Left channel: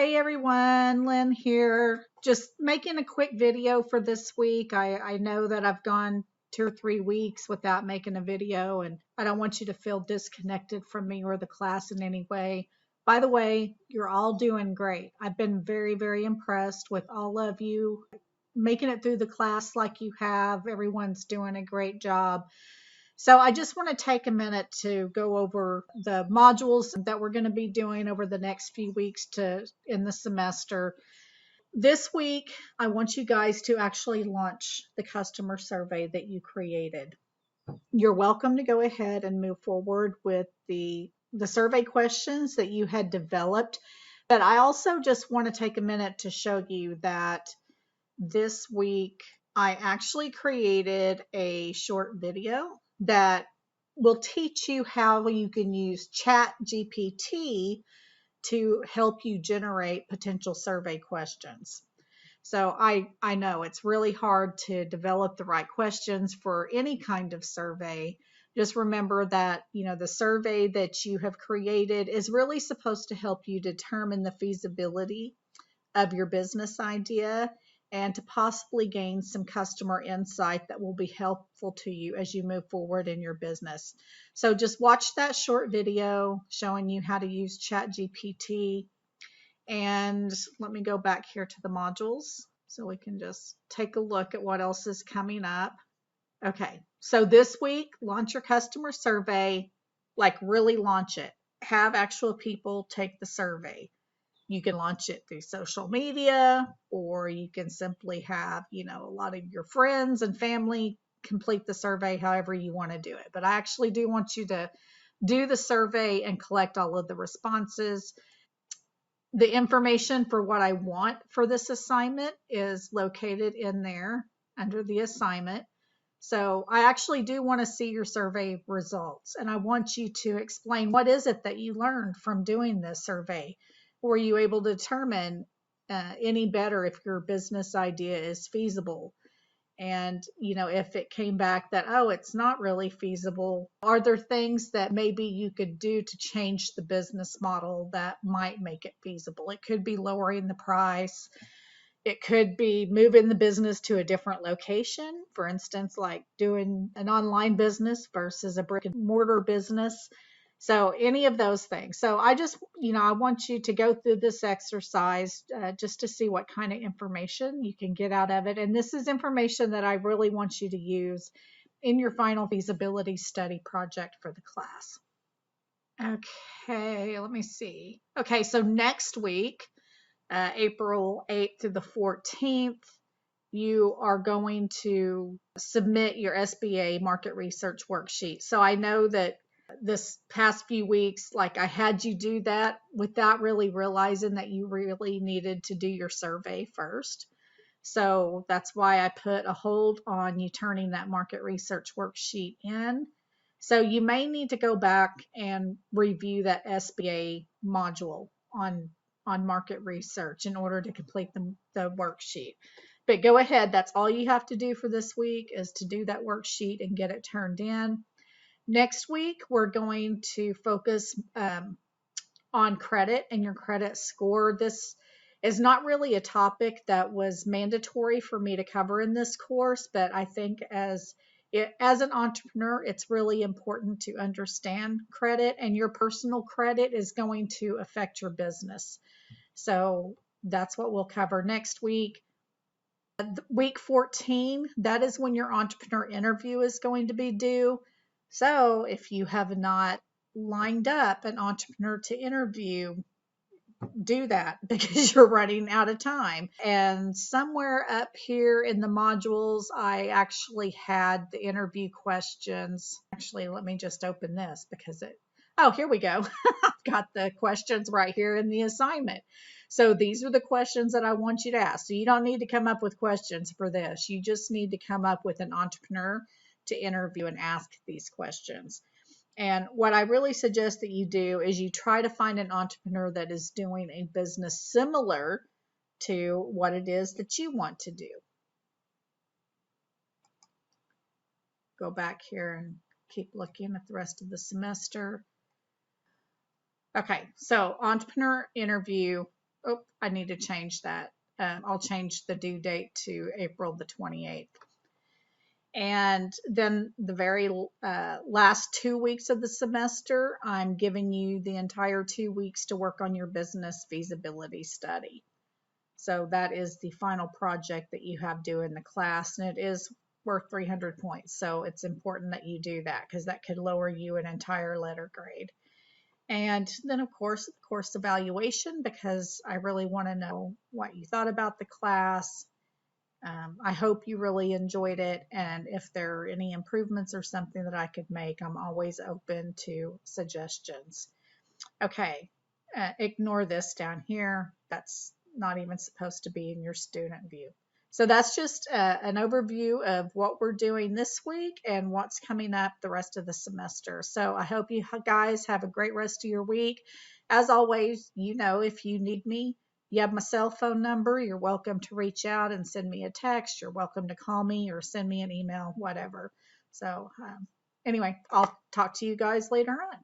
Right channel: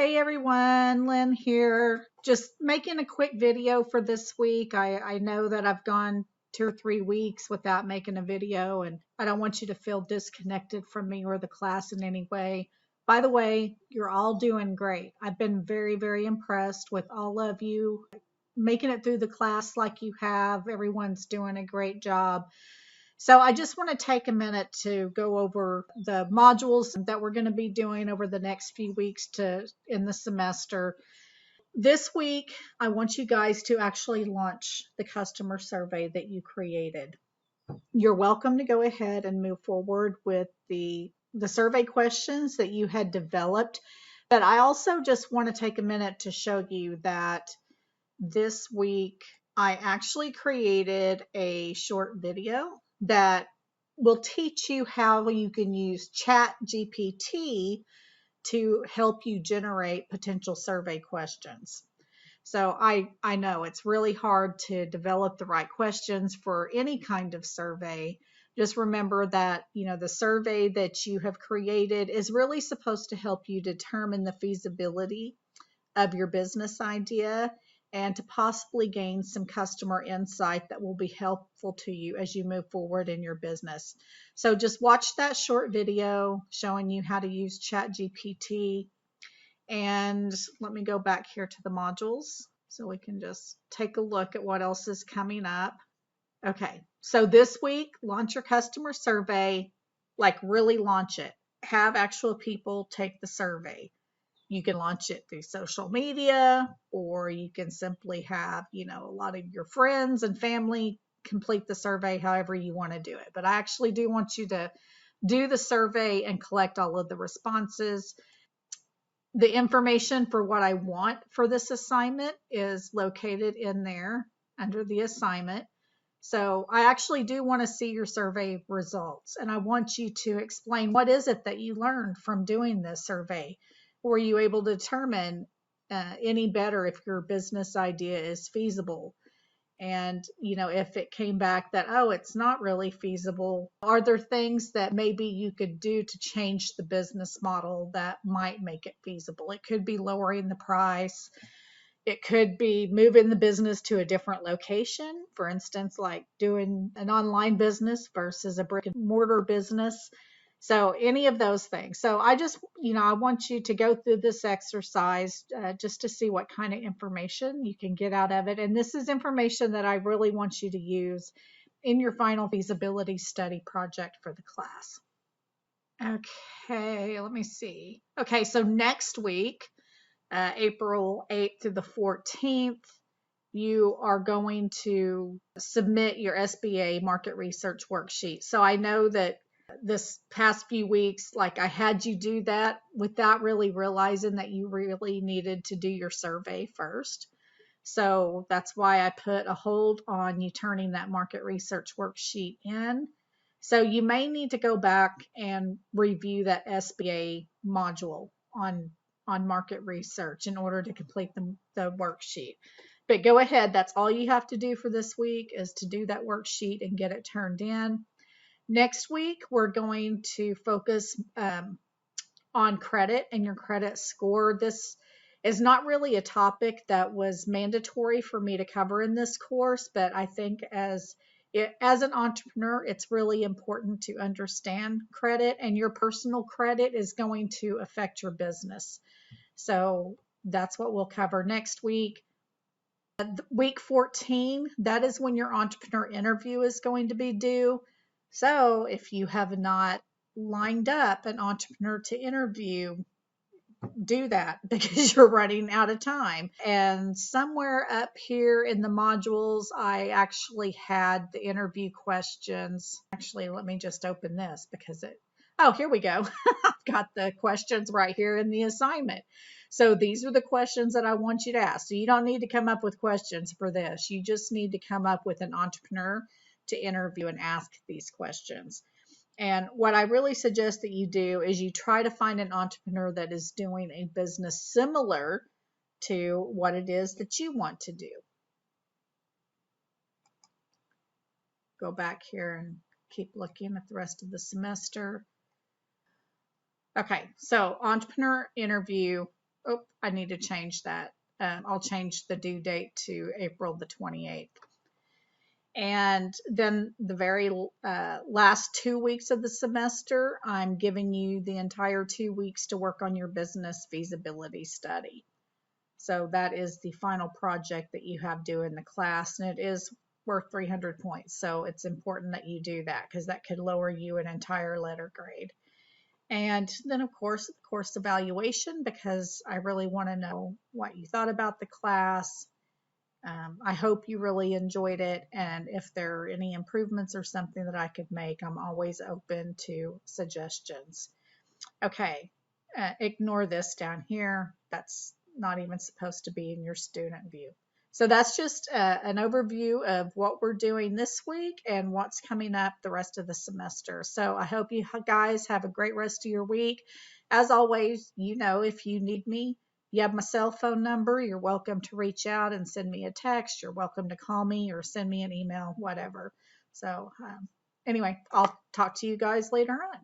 Hey everyone, Lynn here. Just making a quick video for this week. I know that I've gone 2 or 3 weeks without making a video, and I don't want you to feel disconnected from me or the class in any way. By the way, you're all doing great. I've been very, very impressed with all of you making it through the class like you have. Everyone's doing a great job. So I just want to take a minute to go over the modules that we're going to be doing over the next few weeks in the semester. This week, I want you guys to actually launch the customer survey that you created. You're welcome to go ahead and move forward with the survey questions that you had developed. But I also just want to take a minute to show you that this week I actually created a short video that will teach you how you can use Chat GPT to help you generate potential survey questions. So I know it's really hard to develop the right questions for any kind of survey. Just remember that, the survey that you have created is really supposed to help you determine the feasibility of your business idea and to possibly gain some customer insight that will be helpful to you as you move forward in your business. So just watch that short video showing you how to use ChatGPT. And let me go back here to the modules so we can just take a look at what else is coming up. Okay, so this week, launch your customer survey, like really launch it. Have actual people take the survey. You can launch it through social media, or you can simply have, a lot of your friends and family complete the survey however you want to do it. But I actually do want you to do the survey and collect all of the responses. The information for what I want for this assignment is located in there under the assignment. So I actually do want to see your survey results, and I want you to explain what is it that you learned from doing this survey. Were you able to determine any better if your business idea is feasible? And, if it came back that, oh, it's not really feasible, are there things that maybe you could do to change the business model that might make it feasible? It could be lowering the price. It could be moving the business to a different location, for instance, like doing an online business versus a brick and mortar business. So any of those things. So I just, I want you to go through this exercise just to see what kind of information you can get out of it. And this is information that I really want you to use in your final feasibility study project for the class. Okay, let me see. Okay, so next week, April 8th to the 14th, you are going to submit your SBA market research worksheet. So I know that this past few weeks, like I had you do that without really realizing that you really needed to do your survey first. So that's why I put a hold on you turning that market research worksheet in. So you may need to go back and review that SBA module on market research in order to complete the worksheet. But go ahead, that's all you have to do for this week is to do that worksheet and get it turned in. Next week, we're going to focus on credit and your credit score. This is not really a topic that was mandatory for me to cover in this course, but I think as an entrepreneur, it's really important to understand credit, and your personal credit is going to affect your business. So that's what we'll cover next week. Week 14, that is when your entrepreneur interview is going to be due. So if you have not lined up an entrepreneur to interview, do that because you're running out of time. And somewhere up here in the modules, I actually had the interview questions. Actually, let me just open this because oh, here we go. I've got the questions right here in the assignment. So these are the questions that I want you to ask. So you don't need to come up with questions for this. You just need to come up with an entrepreneur to interview and ask these questions. And what I really suggest that you do is you try to find an entrepreneur that is doing a business similar to what it is that you want to do. Go back here and keep looking at the rest of the semester. Okay, so entrepreneur interview Oh, I need to change that. I'll change the due date to April the 28th. And then the very last 2 weeks of the semester, I'm giving you the entire 2 weeks to work on your business feasibility study. So that is the final project that you have due in the class, and it is worth 300 points. So it's important that you do that because that could lower you an entire letter grade. And then, of course, course evaluation, because I really want to know what you thought about the class. I hope you really enjoyed it. And if there are any improvements or something that I could make, I'm always open to suggestions. Okay, ignore this down here. That's not even supposed to be in your student view. So that's just an overview of what we're doing this week and what's coming up the rest of the semester. So I hope you guys have a great rest of your week. As always, if you need me, you have my cell phone number. You're welcome to reach out and send me a text. You're welcome to call me or send me an email, whatever. So anyway, I'll talk to you guys later on.